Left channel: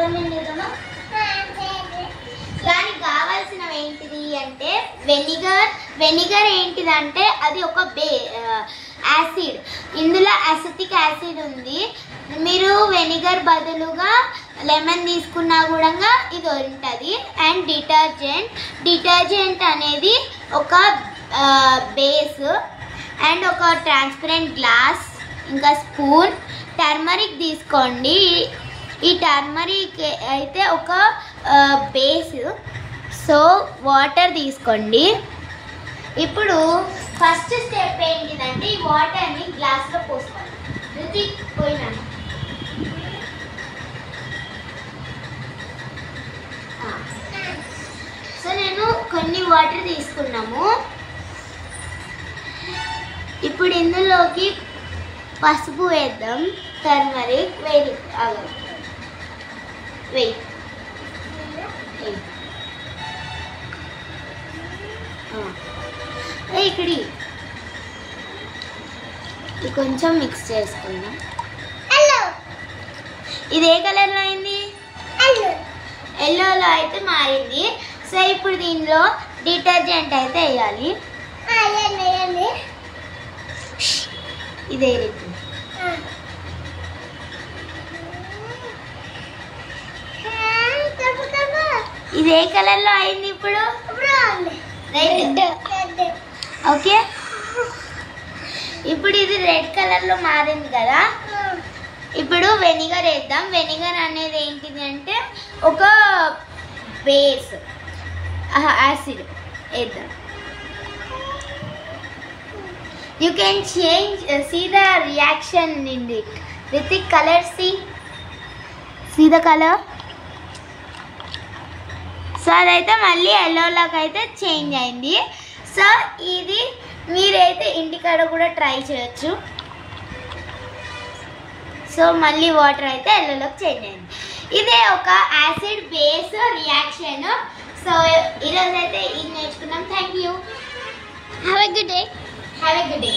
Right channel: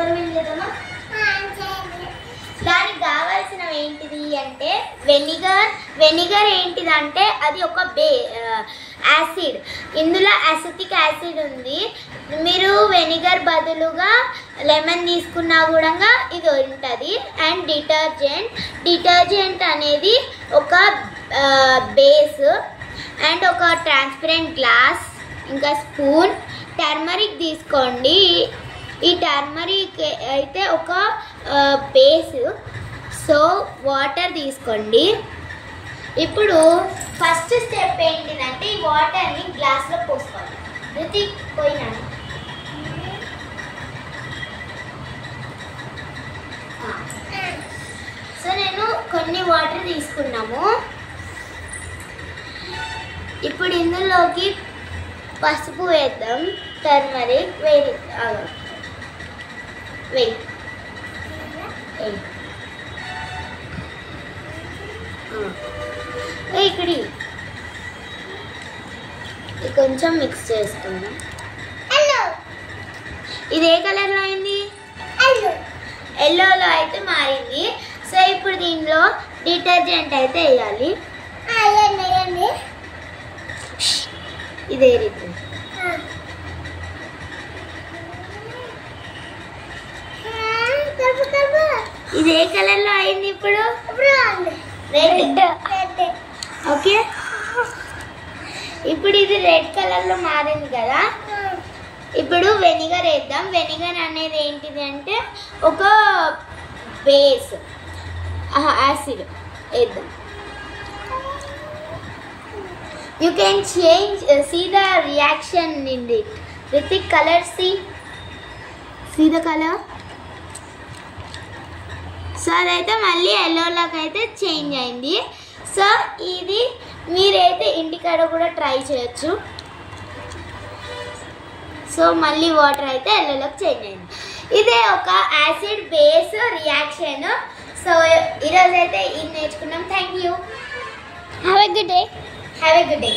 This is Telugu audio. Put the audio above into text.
ఎక్స్పెరిమెంట్ చేద్దామా? దానికి కావాల్సినవి ఏంటిది అంటే వెనిగర్ ఏంటిదంటే అది ఒక యాసిడ్. ఇందులో అసిటిక్ యాసిడ్ ఉంది. మీరు వెనిగర్ బదులుగా లెమన్ తీసుకున్నా కూడా ఇది ఉంటుంది. అండ్ డిటర్జెంట్ అనేది ఒక బేస్ అండ్ ఒక ట్రాన్స్పరెంట్ గ్లాస్, ఇంకా స్పూన్. టర్మరిక్ తీసుకోండి. ఈ టర్మరిక్ అయితే ఒక బేస్. సో వాటర్ తీసుకోండి. ఇప్పుడు ఫస్ట్ స్టెప్ ఏంటిదంటే ఈ వాటర్ని గ్లాస్లో పోసుకోవాలి. రుతి పోయినాను. సో నేను కొన్ని వాటర్ తీసుకున్నాము. ఇప్పుడు ఇందులోకి పసుపు వేద్దాం. టర్మరిక్ వెయిట్ ఇక్కడి కొంచెం మిక్స్ చేసుకుందాం. ఇది ఏ కలర్లో అయింది? ఎల్లోలో అయితే మారింది. సో ఇప్పుడు దీనిలో డిటర్జెంట్ అయితే వేయాలి. ఇదే రీతి ఇది ఏ కలర్లో అయింది? ఇప్పుడు రెడ్. ఓకే, ఇప్పుడు ఇది రెడ్ కలర్లో మారింది కదా. ఇప్పుడు వెనిగర్ వేద్దాం. వెనిగర్ అనేది ఏంటిది అంటే ఒక బేస్ యాసిడ్ వేద్దాం. You can see the reaction in it with the color. See the color. So అదైతే మళ్ళీ ఎల్లోలాగా అయితే చేంజ్ అయింది. సో ఇది మీరైతే ఇంటికాడ కూడా ట్రై చేయొచ్చు. సో మళ్ళీ వాటర్ అయితే ఎల్లోలాగా చేంజ్ అయింది. ఇదే ఒక యాసిడ్ బేస్ రియాక్షన్. సో ఈరోజు అయితే ఇది నేర్చుకున్నాం. Thank you. Have a good day.